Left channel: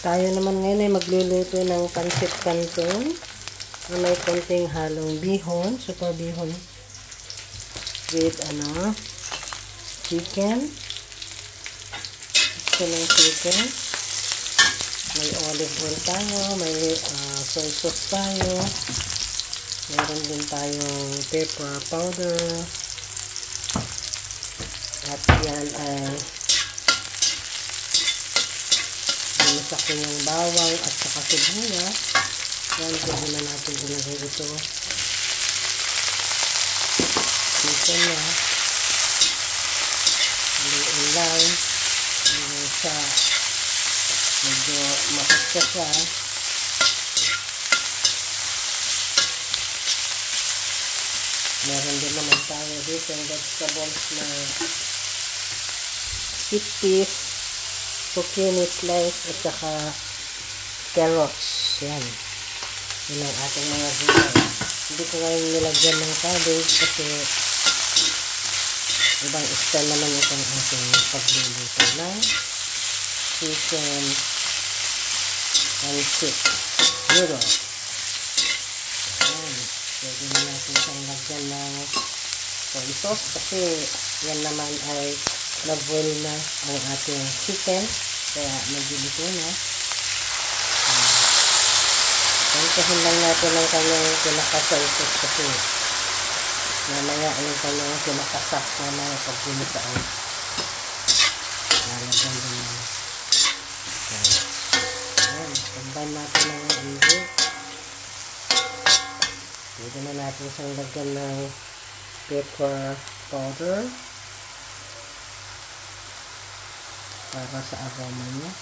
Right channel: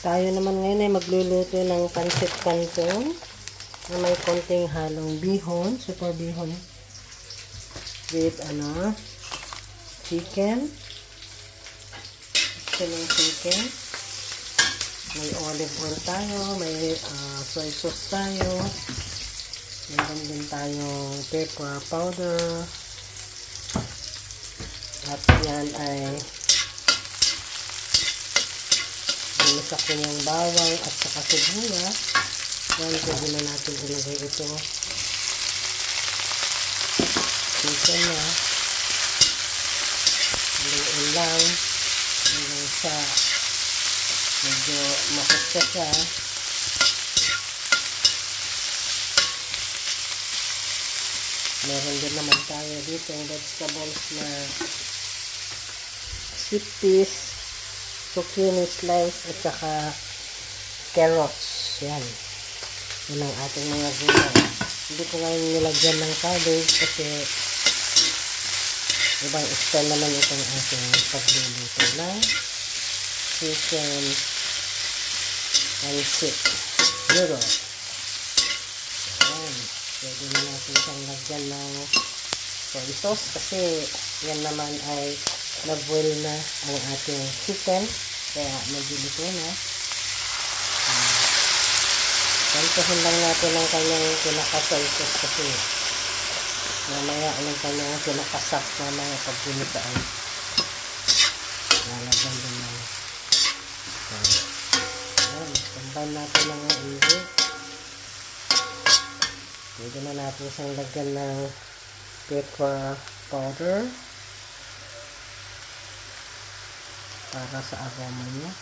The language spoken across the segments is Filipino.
Tayo naman ngayon ay magluluto ng pancit canton na may konting halong bihon, super bihon with chicken. Ito ng chicken. May olive oil tayo, may soy sauce tayo. Meron din tayong pepper powder. At yan ay ginisak ko yung bawang at saka sibuyas. Yan, pwede na natin ilagay ito. Chicken niya. Haluin lang. Hanggang sa medyo makita siya. Meron din naman tayo dito yung vegetables na sweet peas, zucchini slice, at saka carrots. Yan. Yan ang ating mga gulay. Hindi ko ngayon nilagyan ng cabbage kasi ibang style naman itong ating pagluluto ng chicken pancit noodle. Yan. Pwede na natin siyang lagyan ng soy sauce kasi yan naman ay na-boil na ang ating chicken. Kaya nagilito na. Kantahin lang natin ang kanyang pinaka-soy sauce kasi mamaya ang kanyang pinaka-sauce mamaya pag-ginitaan. Lalagyan din na. Ayan. Combine natin ang ingredient. Pwede na natin isang lagyan ng pepper powder para sa aroma niya.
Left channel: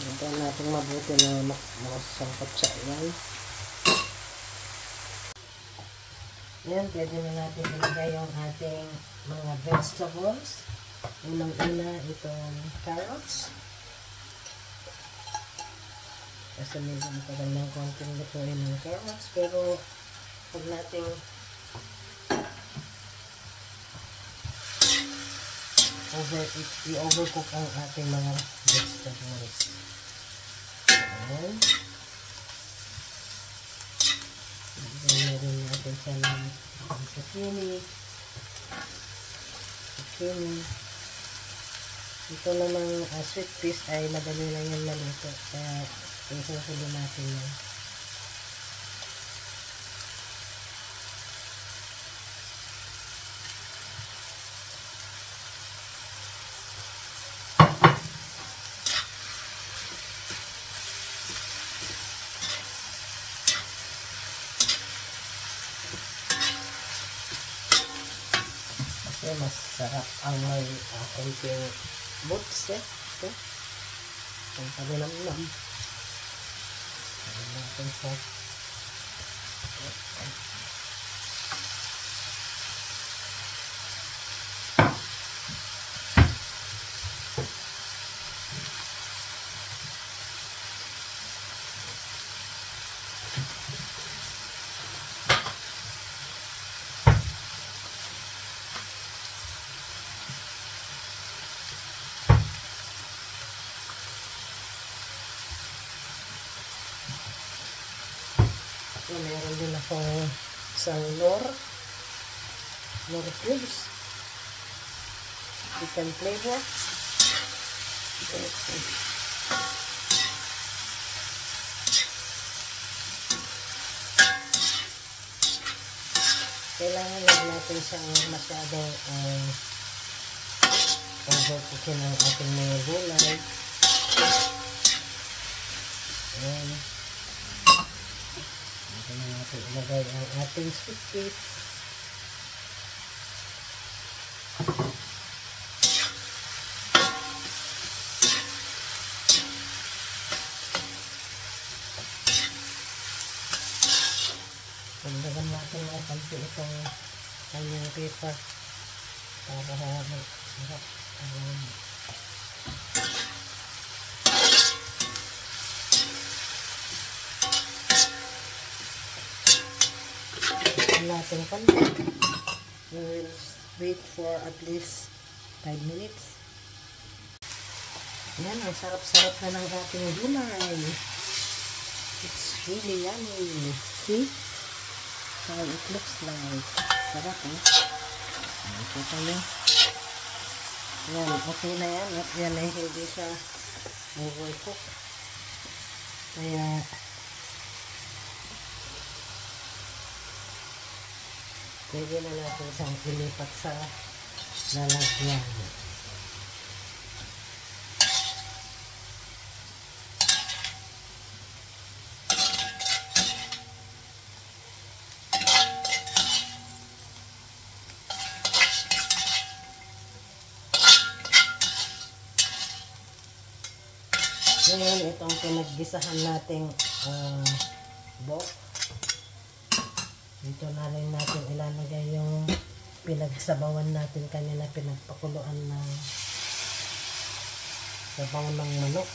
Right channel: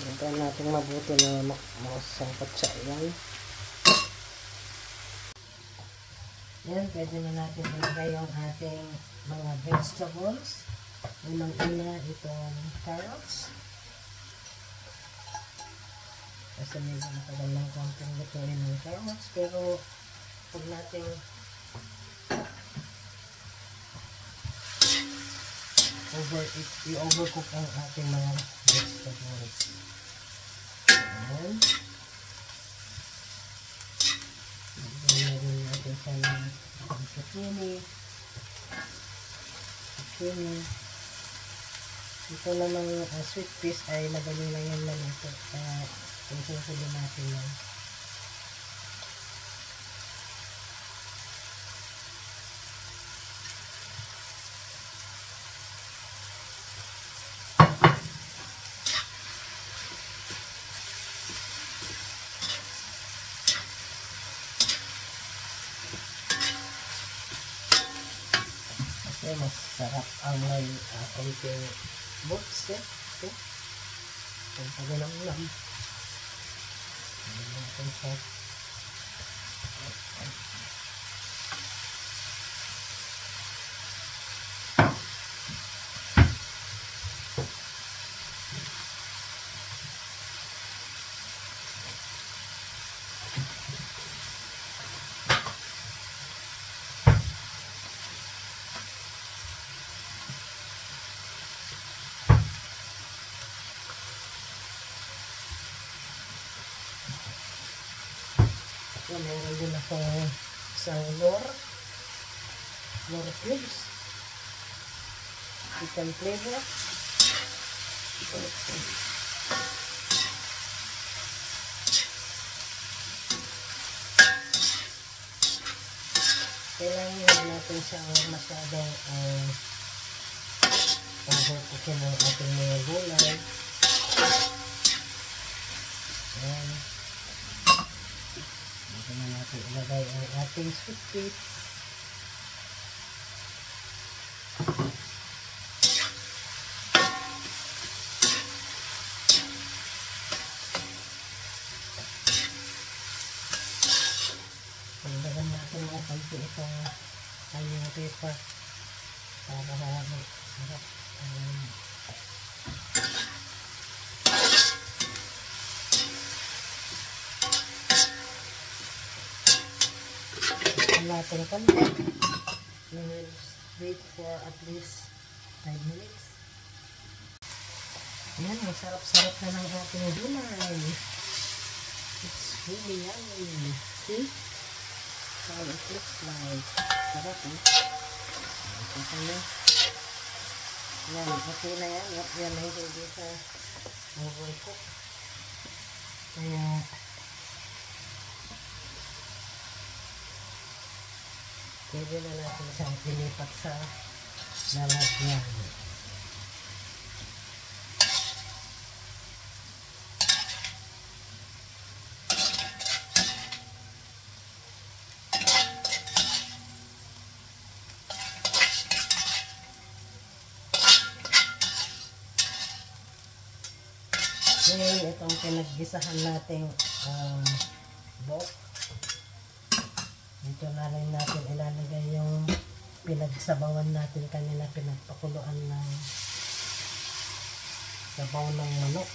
Lagyan natin mabuti na makasangkot siya. Ayan. Ayan, pwede na natin ilagay yung ating mga vegetables. Unang-una itong carrots. Kasi medyo matagal ng konting lutuin ng carrots. Pero huwag natin i-overcook ang ating mga vegetables. Ayan. Meron natin siya ng zucchini. Ito namang sweet peas ay madali lang yung maluto. Kaya isusulo natin yan. Kasi mas sarap ang may konting boots ito. Ang tabi ng ulam. Ayan natin siya. Meron din akong isang lor cubes. Chicken flavor. Kailangan lang natin siyang masyadong pag-cookin ng ating mga gulay. Ayan. Ito na natin ilagay ang ating sweet peas. Ilagyan natin ang konti itong kanyang pepper para sarap. Natin konti. We will wait for at least 5 minutes. Yan, ang sarap-sarap na ng ating gulay. It's really yummy. See? How it looks like. Sarap eh. Kita nyo. Yan, okay na yan. Yan ay hindi siya overcook. Kaya pwede na natin siyang ilipat sa lalagyan. Ngayon, itong pinaggisahan nating dog. Dito na rin natin ilalagay yung pinagsabawan natin kanina, pinagpakuluan ng sabaw ng manok.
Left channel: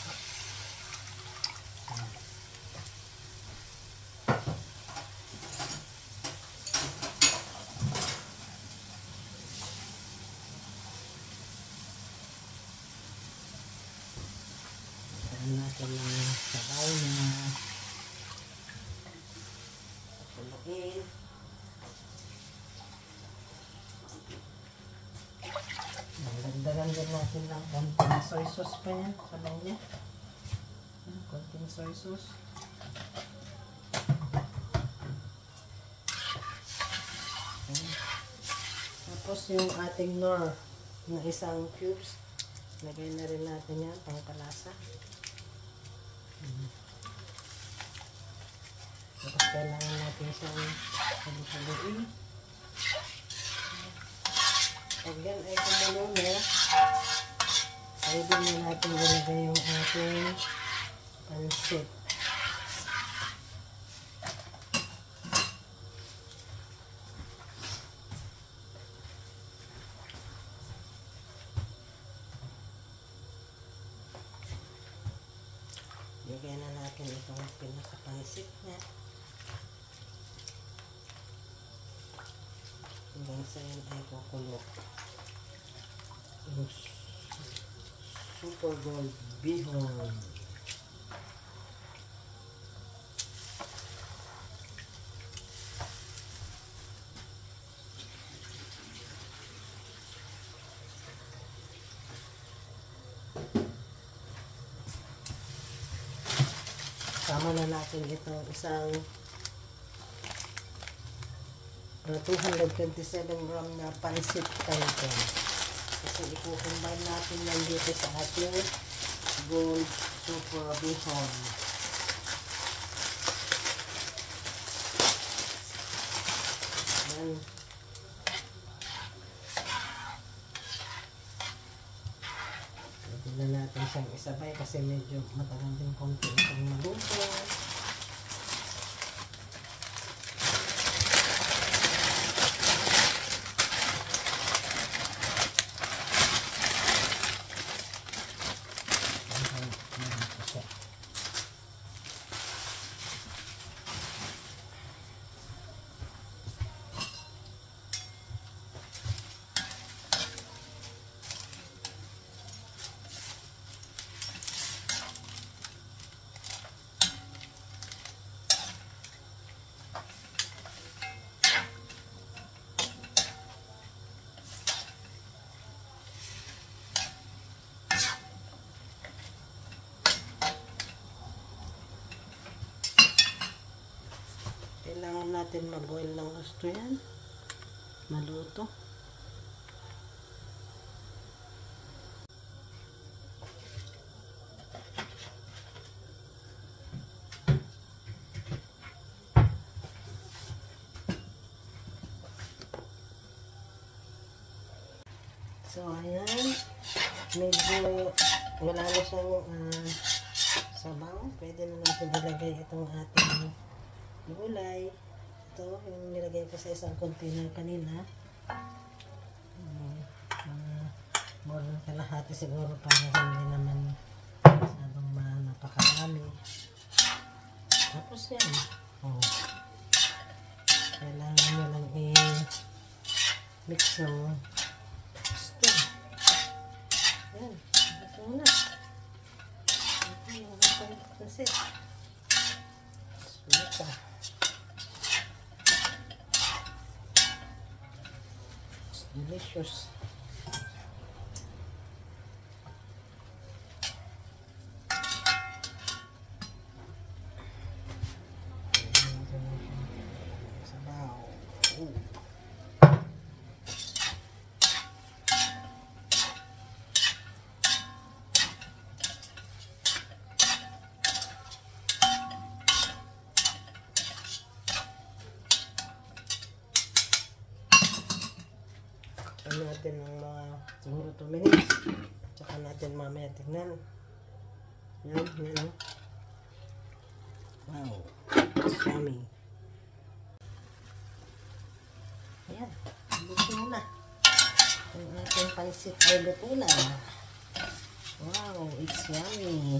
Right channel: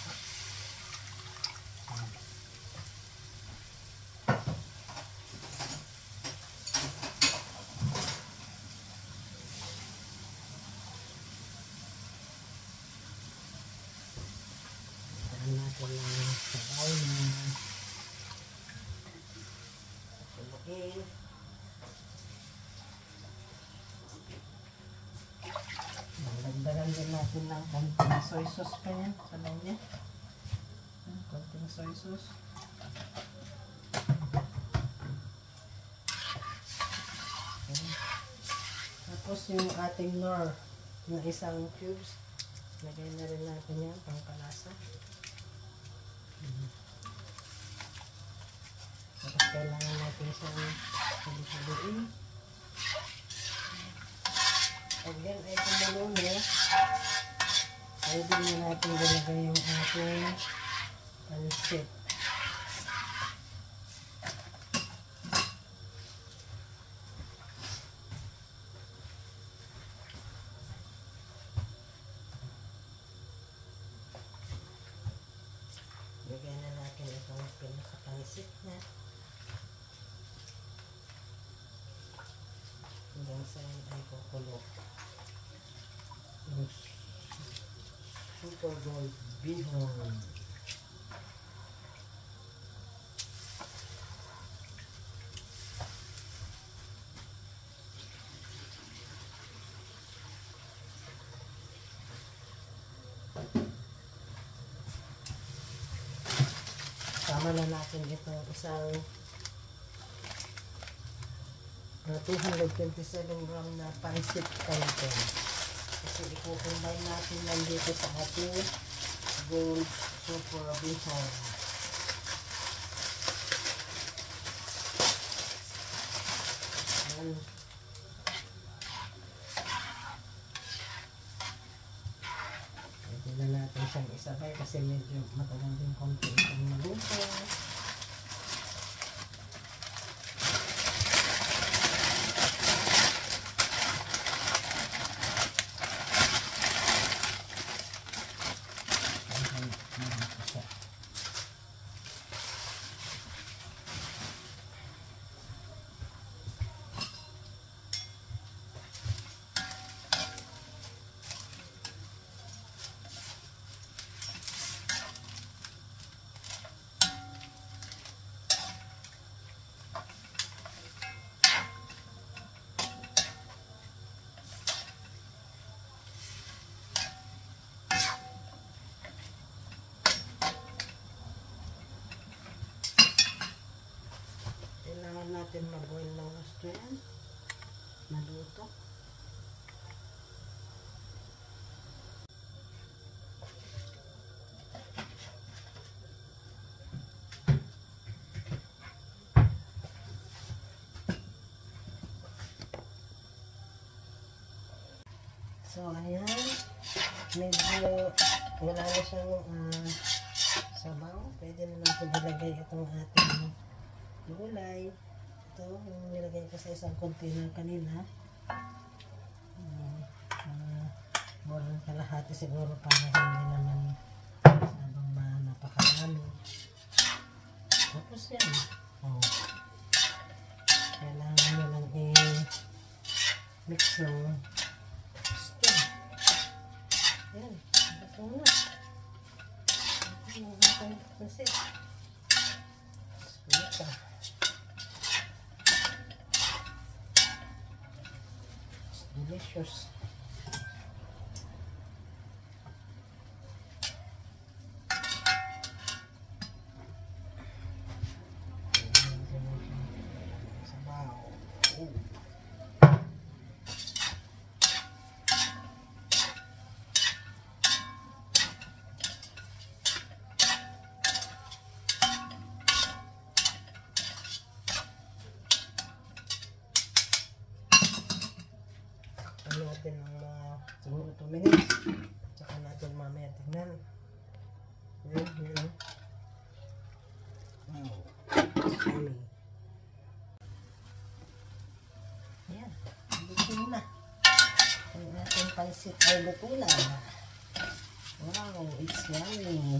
Natin ng sabaw na puluin. Dagdagan din natin ng konting soy sauce pa yan sa kanya. Konting soy sauce. Tapos yung ating nor ng isang cubes, lagay na rin natin yan pang palasa. Tapos kailangan natin siyang huli-huliin. Pag yan ay kumulo na, pwede na natin ilagay yung ating pansit. Lagyan na natin itong pinakapansit niya. Hanggang sa yan ay kukulo. Super gold bihon. Tama na natin itong isang 227 gram na pansit canton. Kasi i-combine natin lang dito sa ating gold super bihon. Ayan. Pwede na natin siyang isabay kasi medyo matagal din konti itong maluto. Kailangan natin mag-boil ng gusto yan. Maluto. So, ayan. Medyo wala na siyang sabaw. Pwede na natin ilagay itong ating gulay. Ito, yung nilagay ko sa isang container kanina. More than kalahati siguro para hindi naman masyadong napakarami. Tapos yan. Oh. Kailangan nyo lang mix ng gusto. Ayan, ito na. Ito yung ating pansit. Suka. It's delicious. Natin ng mga siguro 2 minutes. Tsaka natin mamaya tignan. Yan, yan. Wow. Yummy. Ayan. Luto na. Ang ating pansit ay luto na. Wow, it's yummy.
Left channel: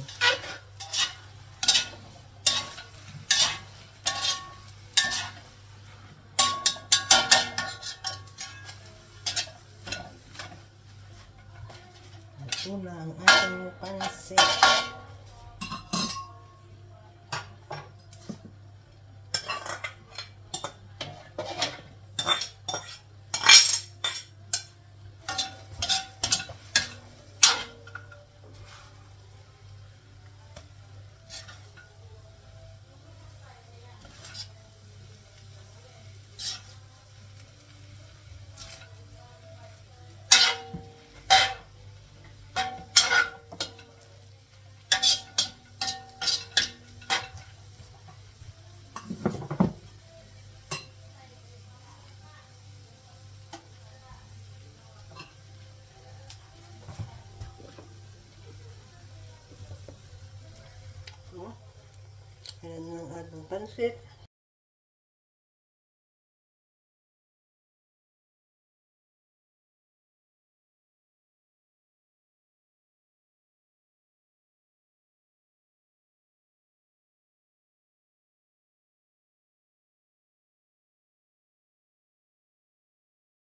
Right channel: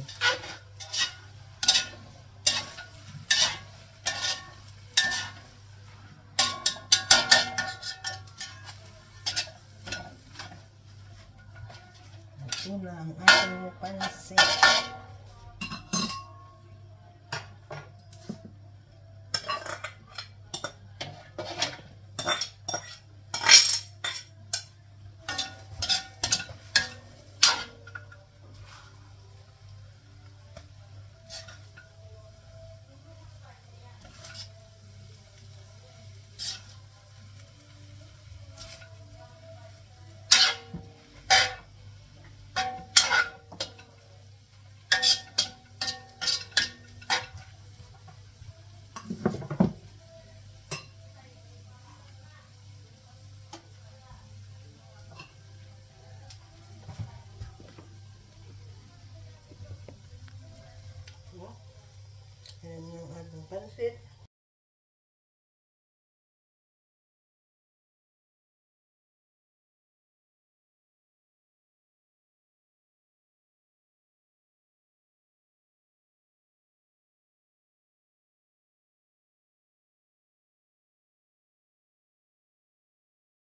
Ito na ang ating pansit. Ayan ang ating pansit.